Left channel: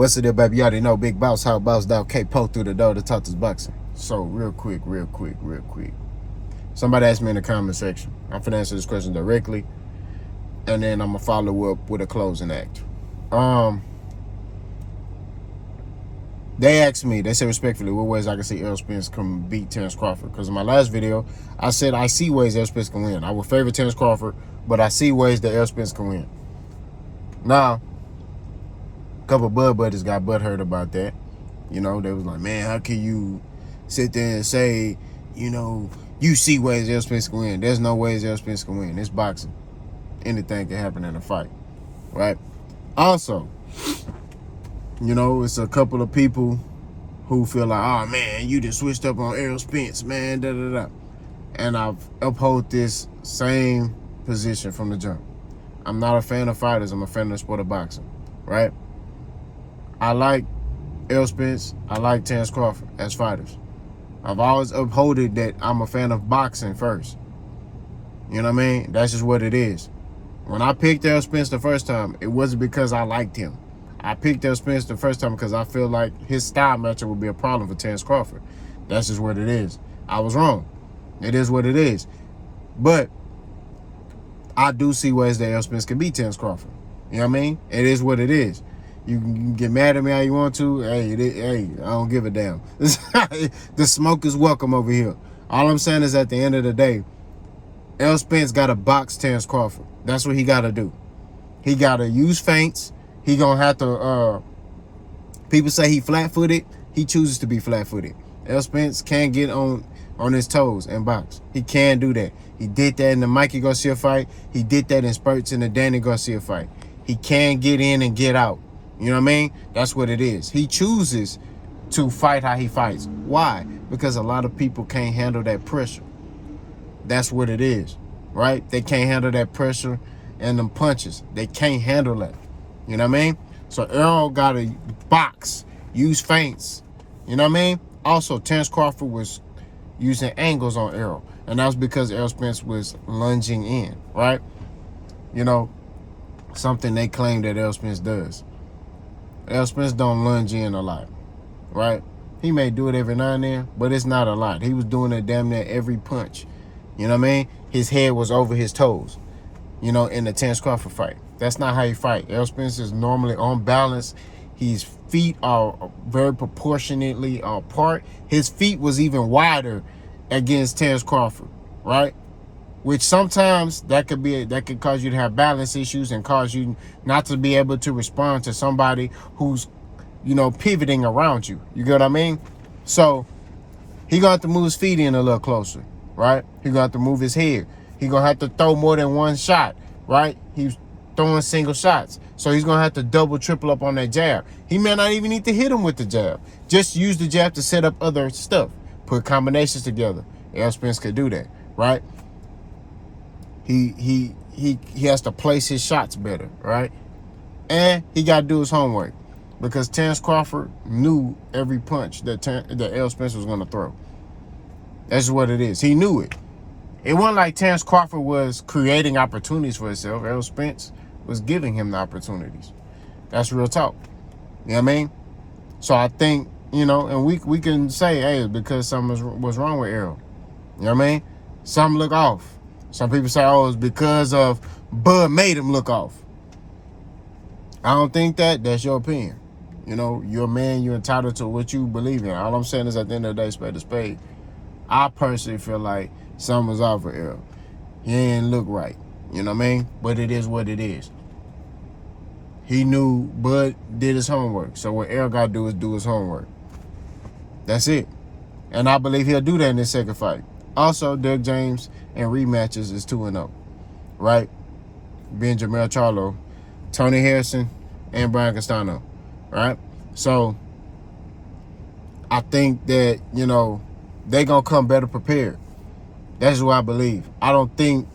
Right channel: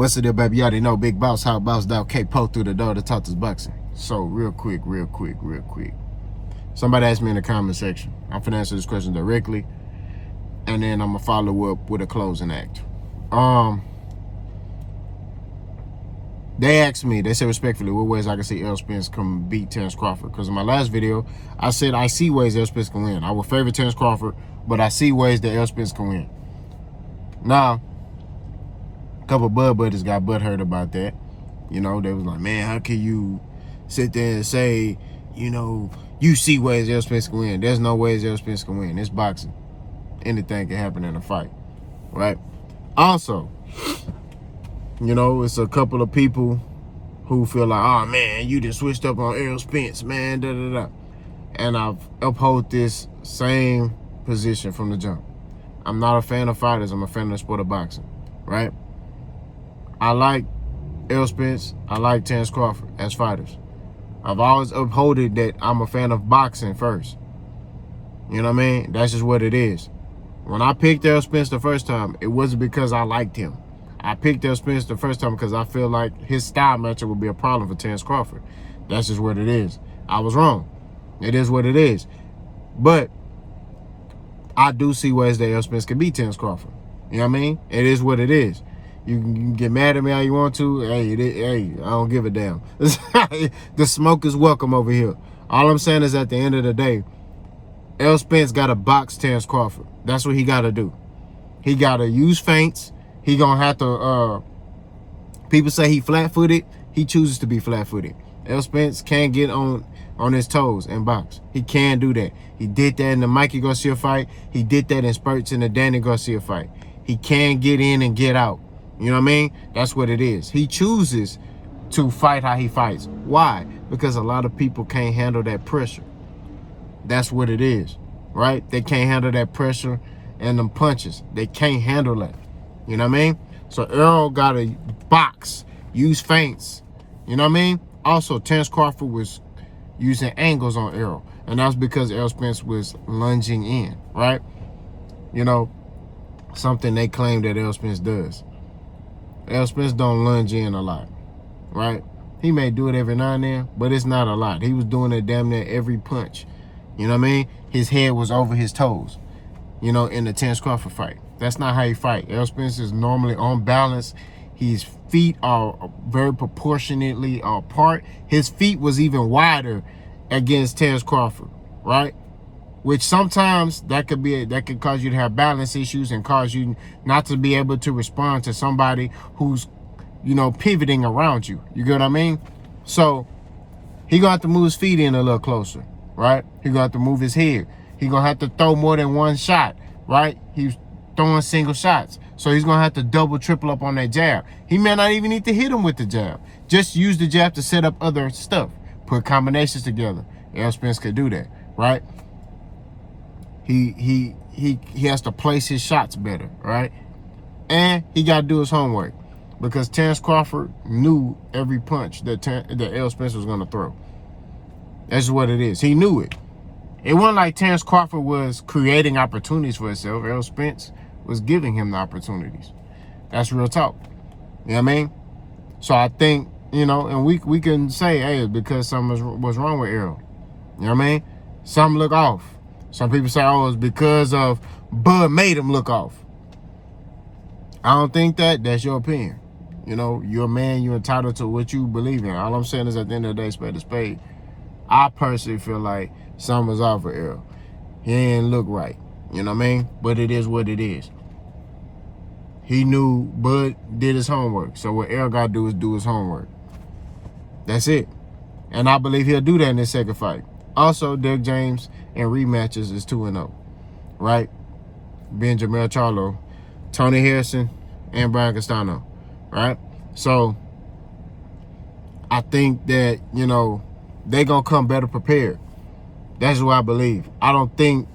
What's the deal, baby? Y'all already know Big Boss, how Boss Down K-Po through the door to talk this boxing. So, real quick. Somebody asked me in the comment section. I'm finna answer this question directly, and then I'm gonna follow up with a closing act. They asked me, they said respectfully, what ways I can see Errol Spence can beat Terence Crawford? Because in my last video, I said I see ways Errol Spence can win. I would favor Terence Crawford, but I see ways that Errol Spence can win. Now, a couple of Bud buddies got butthurt about that. You know, they was like, man, how can you sit there and say, you know, you see ways Errol Spence can win? There's no ways Errol Spence can win. It's boxing. Anything can happen in a fight, right? Also, you know, it's a couple of people who feel like, oh, man, you just switched up on Errol Spence, man, da-da-da. And I've upheld this same position from the jump. I'm not a fan of fighters. I'm a fan of the sport of boxing, right? I like Errol Spence. I like Terence Crawford as fighters. I've always upholded that I'm a fan of boxing first. You know what I mean? That's just what it is. When I picked Errol Spence the first time, it wasn't because I liked him. I picked Errol Spence the first time because I feel like his style matchup would be a problem for Terence Crawford. That's just what it is. I was wrong. It is what it is. But I do see ways that Errol Spence can beat Terence Crawford. You know what I mean? It is what it is. You can get mad at me how you want to. Hey, I don't give a damn. The smoke is welcome over here. All I'm saying is at the end of the day, Errol Spence got to box Terence Crawford. That's what he got to do. He got to use feints. He going to have to, people say he flat-footed. He chooses to be flat-footed. Errol Spence can't get on his toes and box. He can do that. He did that in the Mikey Garcia fight. He did that in spurts in the Danny Garcia fight. He can get in and get out. You know what I mean? That's what it is. He chooses to fight how he fights. Why? Because a lot of people can't handle that pressure. That's what it is, right? They can't handle that pressure and them punches. They can't handle that. You know what I mean? So Errol got to box, use feints. You know what I mean? Also, Terence Crawford was using angles on Errol, and that was because Errol Spence was lunging in, right? You know, something they claim that Errol Spence does. Errol Spence don't lunge in a lot, right? He may do it every now and then, but it's not a lot. He was doing it damn near every punch. You know what I mean? His head was over his toes, you know, in the Terence Crawford fight. That's not how you fight. Errol Spence is normally on balance. His feet are very proportionately apart. His feet was even wider against Terence Crawford, right? Which sometimes that could cause you to have balance issues and cause you not to be able to respond to somebody who's, you know, pivoting around you. You get what I mean? So he gonna have to move his feet in a little closer, right? He gonna have to move his head. He gonna have to throw more than one shot, right? He's throwing single shots. So he's gonna have to double, triple up on that jab. He may not even need to hit him with the jab. Just use the jab to set up other stuff. Put combinations together. Errol Spence could do that, right? He has to place his shots better, right? And he got to do his homework because Terence Crawford knew every punch that Errol Spence was going to throw. That's what it is. He knew it. It wasn't like Terence Crawford was creating opportunities for himself. Errol Spence was giving him the opportunities. That's real talk. You know what I mean? So I think, you know, and we can say, hey, because something was wrong with Errol. You know what I mean? Something look off. Some people say, oh, it's because of Bud made him look off. I don't think that. That's your opinion. You know, you're a man. You're entitled to what you believe in. All I'm saying is at the end of the day, spade to spade. I personally feel like something was off for Errol. He didn't look right. You know what I mean? But it is what it is. He knew Bud did his homework. So what Errol got to do is do his homework. That's it. And I believe he'll do that in this second fight. Also, Derek James in rematches is 2-0, right? Being Jamel Charlo, Tony Harrison, and Brian Castano, right? So, I think that, you know, they're going to come better prepared. That's what I believe. I don't think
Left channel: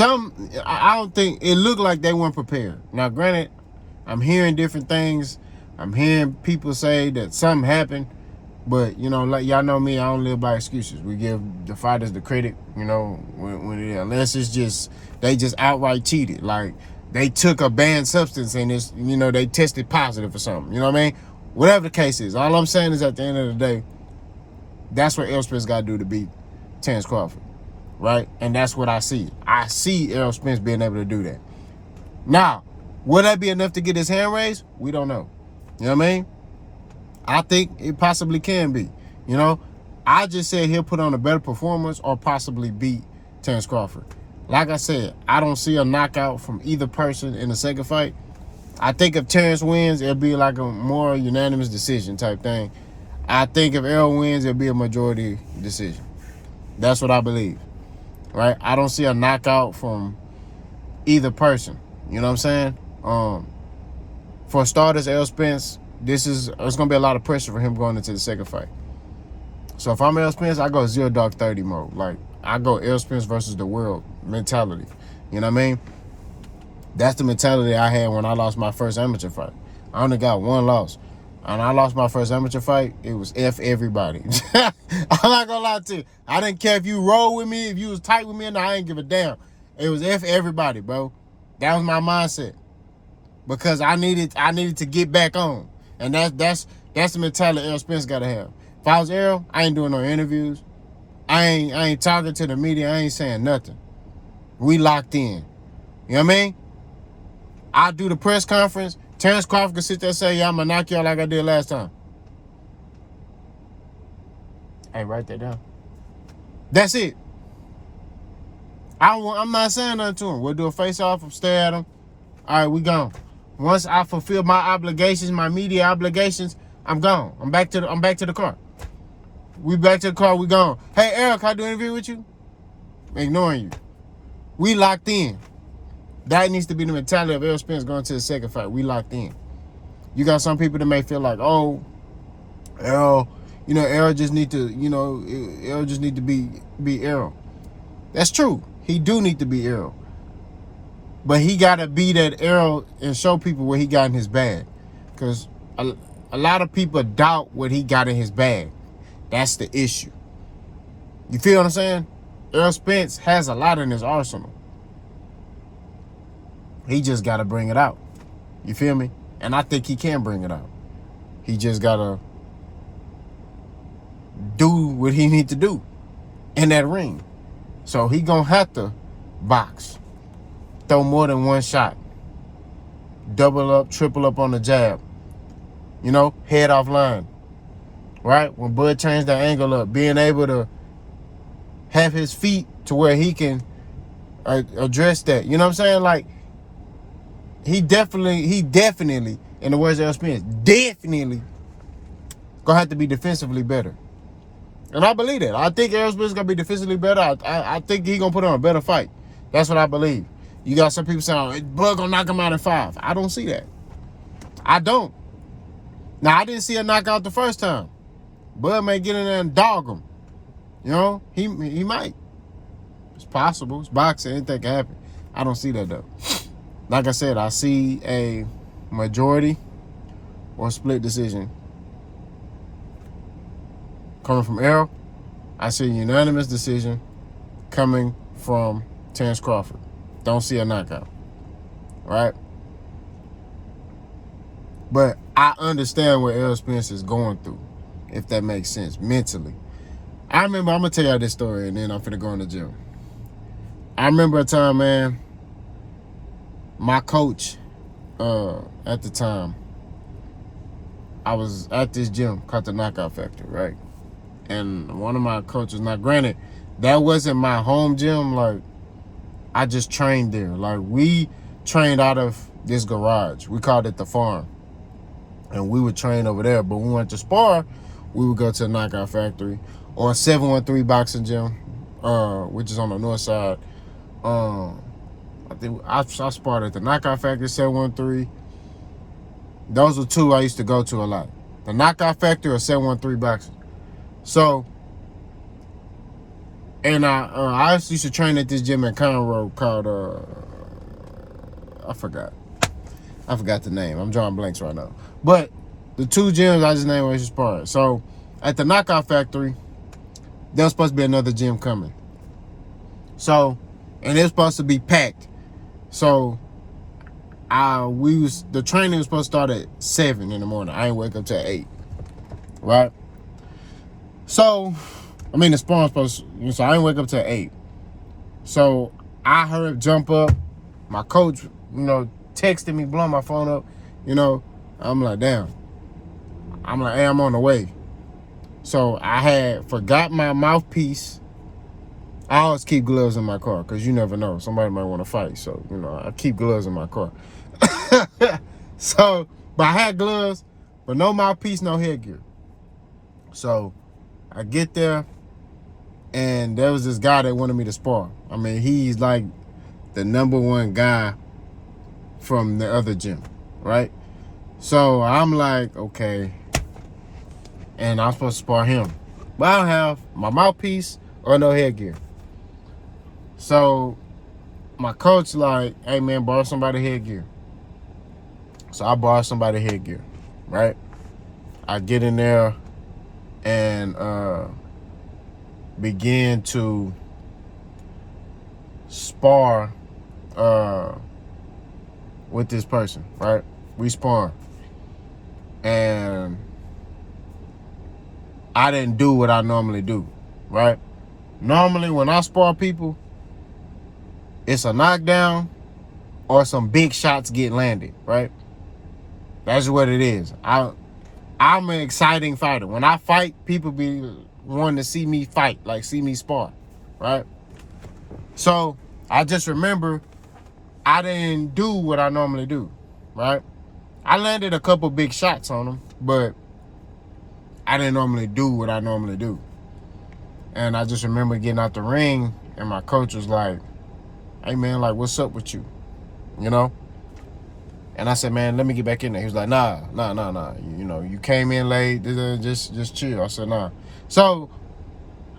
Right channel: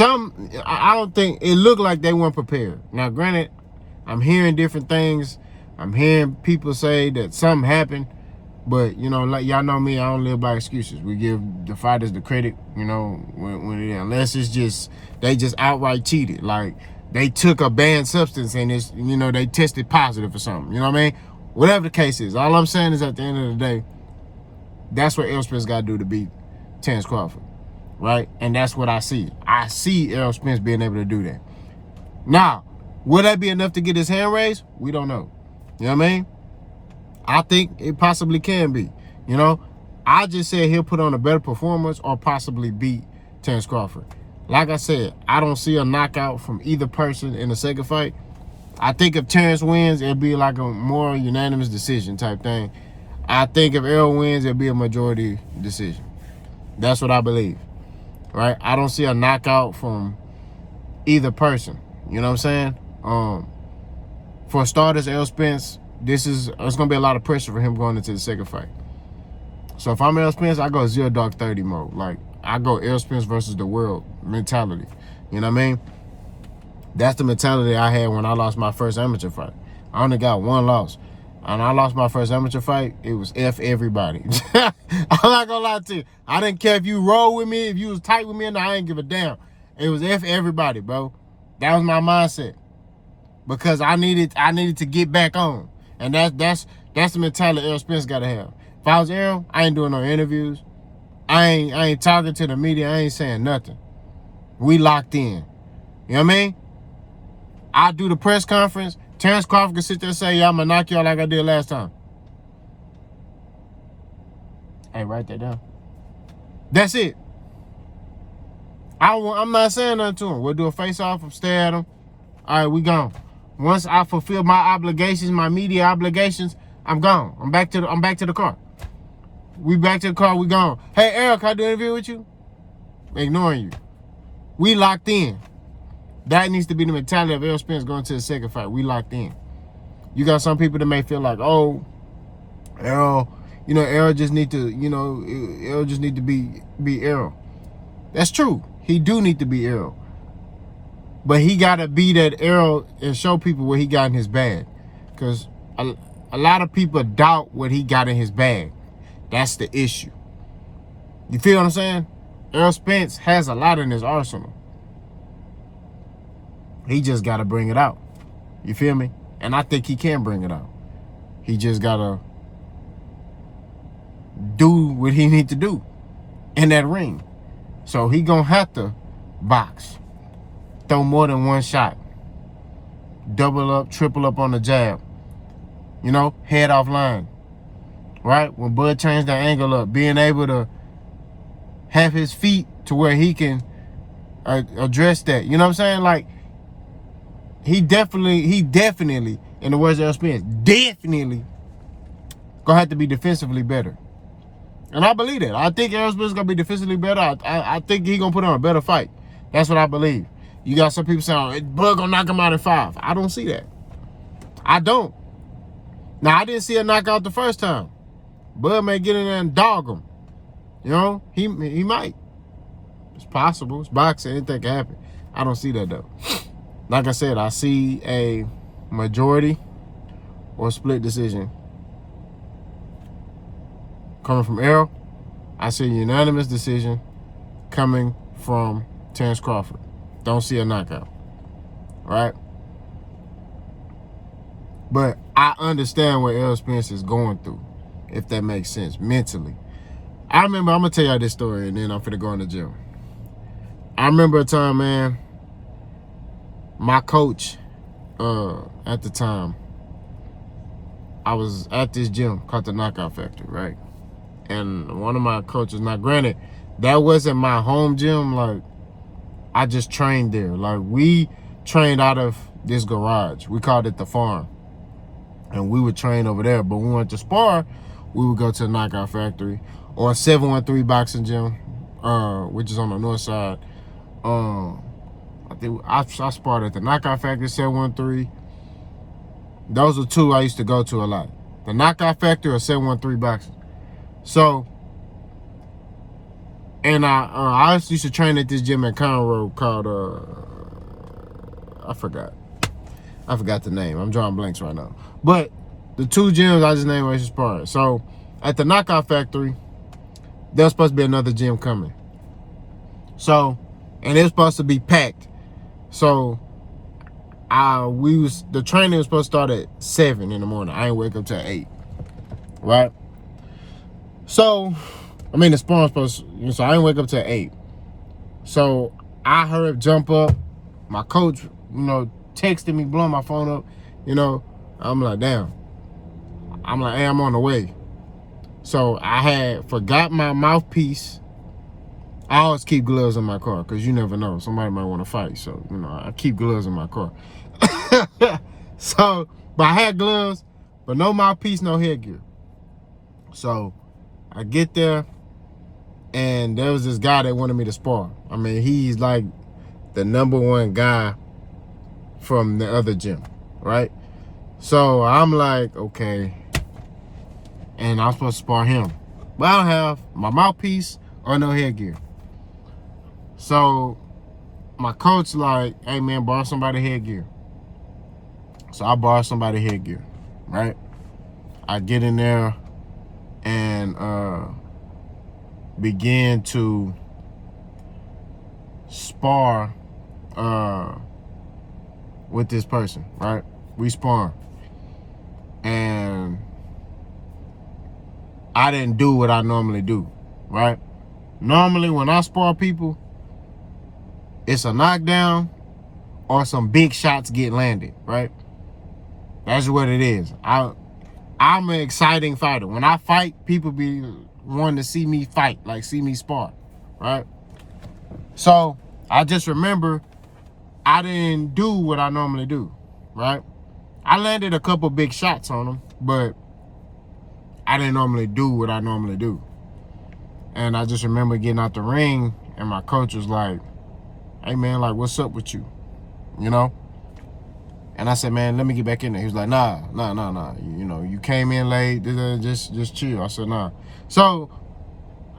I don't think it looked like they weren't prepared. Now, granted, I'm hearing different things. I'm hearing people say that something happened. But, you know, like y'all know me, I don't live by excuses. We give the fighters the credit, you know, when unless it's just, they just outright cheated. Like, they took a banned substance and it's, you know, they tested positive or something. You know what I mean? Whatever the case is, all I'm saying is at the end of the day, that's what Errol Spence got to do to beat Terence Crawford, right? And that's what I see. I see Errol Spence being able to do that. Now, will that be enough to get his hand raised? We don't know. You know what I mean? I think it possibly can be. You know, I just said he'll put on a better performance or possibly beat Terence Crawford. Like I said, I don't see a knockout from either person in the second fight. I think if Terence wins, it'll be like a more unanimous decision type thing. I think if Errol wins, it'll be a majority decision. That's what I believe, right? I don't see a knockout from either person. You know what I'm saying? For starters, Errol Spence, it's going to be a lot of pressure for him going into the second fight. So if I'm Errol Spence, I go 0 Dark 30 mode. Like, I go Errol Spence versus the world mentality. You know what I mean? That's the mentality I had when I lost my first amateur fight. I only got one loss. And I lost my first amateur fight, it was F everybody. I'm not gonna lie to you. I didn't care if you roll with me, if you was tight with me, and I didn't give a damn. It was F everybody, bro. That was my mindset. Because I needed to get back on. And that's the mentality Errol Spence gotta have. If I was Errol, I ain't doing no interviews. I ain't talking to the media, I ain't saying nothing. We locked in. You know what I mean? I do the press conference. Terence Crawford can sit there and say, yeah, I'm going to knock you out like I did last time. Hey, write that down. That's it. I'm not saying nothing to him. We'll do a face-off, stare at him. All right, we gone. Once I fulfill my obligations, my media obligations, I'm gone. I'm back to the car. We back to the car, we gone. Hey, Eric, can I do an interview with you? Ignoring you. We locked in. That needs to be the mentality of Errol Spence going to the second fight. We locked in. You got some people that may feel like, oh, Errol, you know, Errol just need to, you know, Errol just need to be Errol. That's true. He do need to be Errol. But he got to be that Errol and show people what he got in his bag. Because a lot of people doubt what he got in his bag. That's the issue. You feel what I'm saying? Errol Spence has a lot in his arsenal. He just got to bring it out. You feel me? And I think he can bring it out. He just got to do what he need to do in that ring. So he going to have to box. Throw more than one shot. Double up, triple up on the jab. You know, head off line. Right? When Bud changed the angle up, being able to have his feet to where he can address that. You know what I'm saying? Like, he definitely, in the words of Errol Spence, definitely gonna have to be defensively better. And I believe that. I think Errol Spence is gonna be defensively better. I think he's gonna put on a better fight. That's what I believe. You got some people saying, Bud gonna knock him out in 5. I don't see that. I don't. Now, I didn't see a knockout the first time. Bud may get in there and dog him. You know, he might. It's possible. It's boxing. Anything can happen. I don't see that, though. Like I said, I see a majority or split decision coming from Errol. I see a unanimous decision coming from Terence Crawford. Don't see a knockout. All right? But I understand what Errol Spence is going through, if that makes sense, mentally. I remember, I'm going to tell y'all this story, and then I'm finna go in the gym. I remember a time, man, my coach at the time, I was at this gym called the Knockout Factory, right? And one of my coaches, now granted, that wasn't my home gym. Like, I just trained there. Like, we trained out of this garage. We called it the farm. And we would train over there. But when we went to spar, we would go to the Knockout Factory or 713 Boxing Gym, which is on the north side. I think I sparred at the Knockout Factory, 713. Those are two I used to go to a lot. The Knockout Factory or 713 Boxing. So, and I used to train at this gym in Conroe called, I forgot the name. I'm drawing blanks right now. But the two gyms I just named was sparring. So, at the Knockout Factory, there's supposed to be another gym coming. So, and it's supposed to be packed. So, the training was supposed to start at 7 in the morning. I ain't wake up till 8. Right? So, the sparring supposed to, so I didn't wake up till 8. So I heard jump up. My coach, texted me, blowing my phone up. I'm like, damn. I'm like, hey, I'm on the way. So I had forgot my mouthpiece. I always keep gloves in my car because you never know. Somebody might want to fight. So, I keep gloves in my car. But I had gloves, but no mouthpiece, no headgear. So I get there, and there was this guy that wanted me to spar. He's like the #1 guy from the other gym, right? So I'm like, okay. And I'm supposed to spar him. But I don't have my mouthpiece or no headgear. So my coach like, hey man, borrow somebody headgear. So I borrow somebody headgear, right? I get in there and begin to spar with this person, right? We spar. And I didn't do what I normally do, right? Normally when I spar people, it's a knockdown or some big shots get landed, right? That's what it is. I'm an exciting fighter. When I fight, people be wanting to see me fight, like see me spar, right? So I just remember I didn't do what I normally do, right? I landed a couple big shots on him, but I didn't normally do what I normally do. And I just remember getting out the ring, and my coach was like, hey man, like, what's up with you? And I said, man, let me get back in there. He was like, nah. You came in late, just chill. I said, nah. So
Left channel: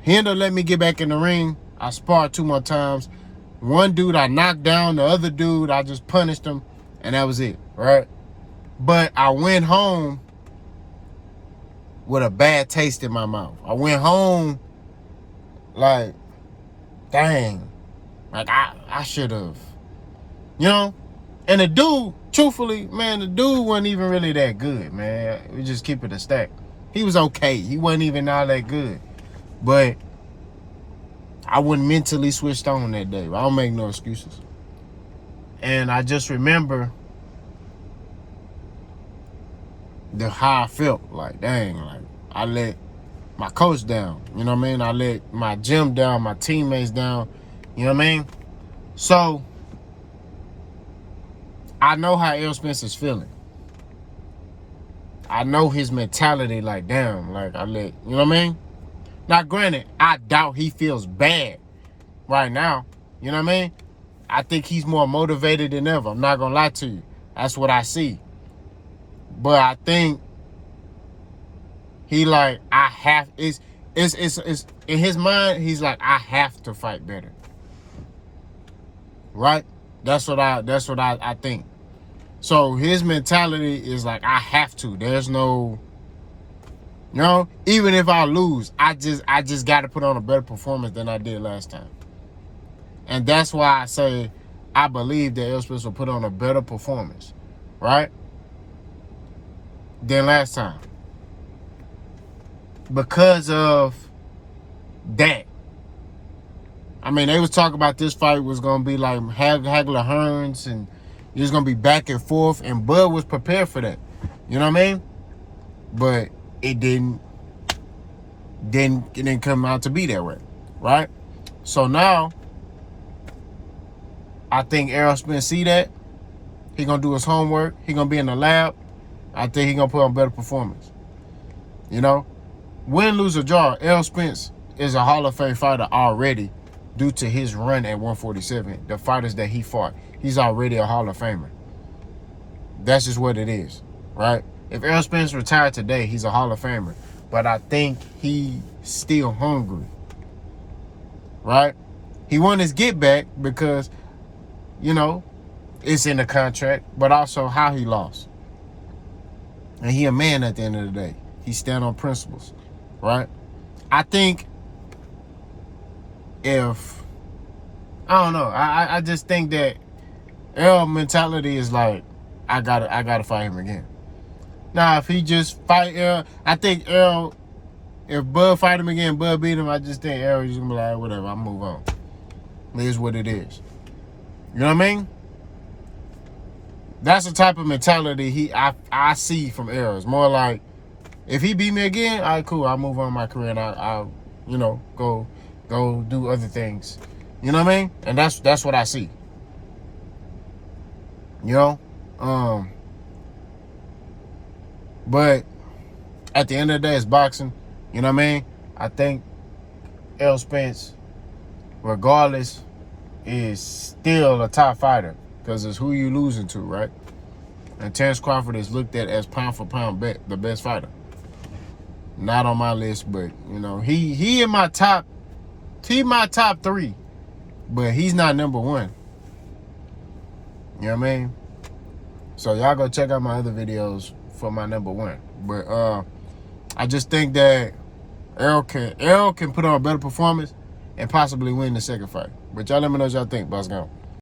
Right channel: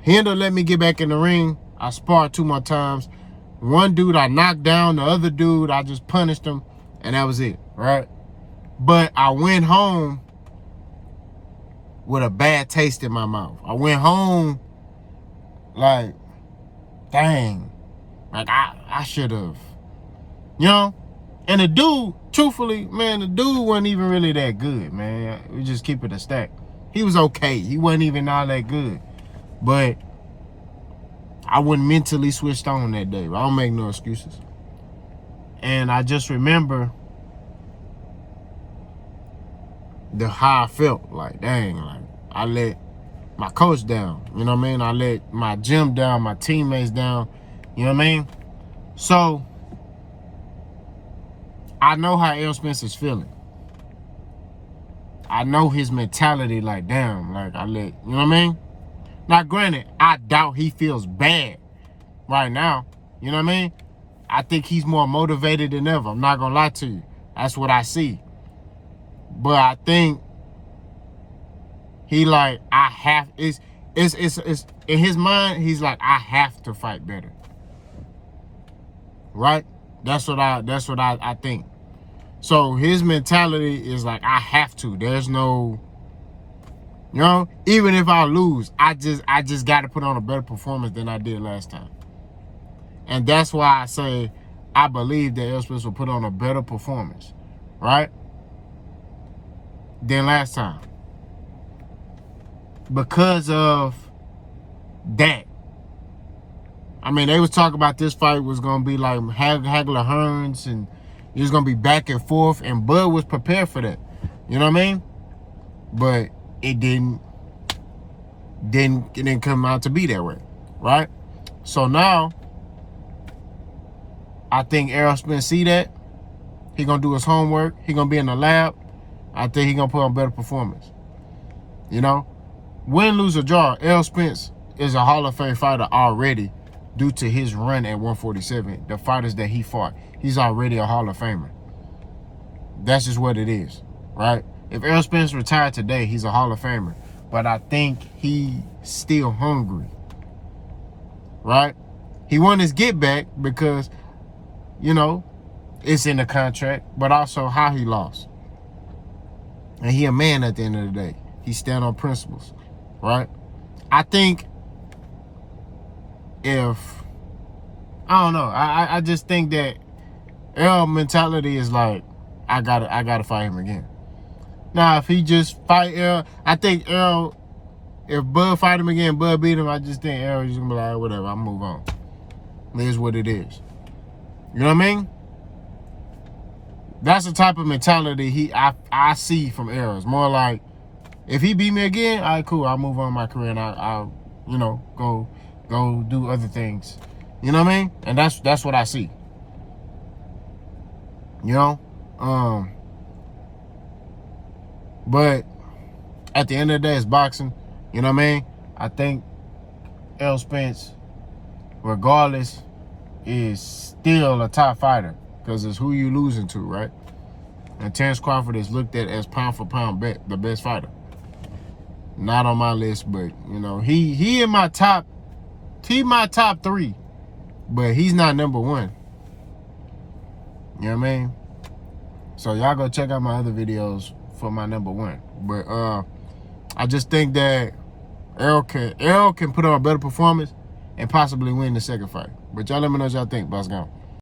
he ended up letting me get back in the ring. I sparred 2 more times. One dude I knocked down, the other dude I just punished him, and that was it, right? But I went home with a bad taste in my mouth. I went home like, dang, like I should have, And the dude, truthfully, man, the dude wasn't even really that good, man. We just keep it a stack. He was okay. He wasn't even all that good. But I wasn't mentally switched on that day. I don't make no excuses. And I just remember how I felt. Like, dang, like I let my coach down. I let my gym down, my teammates down. So I know how Errol Spence is feeling. I know his mentality, like, damn, like I let, Now, granted, I doubt he feels bad right now. I think he's more motivated than ever. I'm not gonna lie to you. That's what I see. But I think he like, it's in his mind, he's like, I have to fight better. Right? That's what I think. So his mentality is like, I have to. There's no, even if I lose, I just got to put on a better performance than I did last time. And that's why I say I believe that Errol Spence will put on a better performance, right, than last time. Because of that. They was talking about this fight was going to be like Hagler Hearns, and it was going to be back and forth, and Bud was prepared for that. But it didn't come out to be that way, right? So now, I think Errol Spence see that. He going to do his homework. He going to be in the lab. I think he going to put on better performance. Win, lose, or draw, Errol Spence is a Hall of Fame fighter already due to his run at 147. The fighters that he fought, he's already a Hall of Famer. That's just what it is, right? If Errol Spence retired today, he's a Hall of Famer. But I think he's still hungry, right? He won his get back because, it's in the contract, but also how he lost. And he a man at the end of the day. He stand on principles, right? I think I don't know. I just think that Errol mentality is like, I gotta fight him again. Now, if he just fight Errol, I think Errol, if Bud fight him again, Bud beat him, I just think Errol just gonna be like, whatever, I'll move on. It is what it is. You know what I mean? That's the type of mentality I see from Errol. It's more like, if he beat me again, all right, cool, I'll move on my career and I'll you know, go do other things. You know what I mean? And that's what I see. You know? But at the end of the day, it's boxing. You know what I mean? I think Errol Spence, regardless, is still a top fighter because it's who you losing to, right? And Terence Crawford is looked at as pound for pound the best fighter. Not on my list, but you know, he in my top 3, but he's not number 1. You know what I mean? So y'all go check out my other videos for my number 1. But I just think that Errol can put on a better performance and possibly win the second fight. But y'all let me know what y'all think. Boss gone.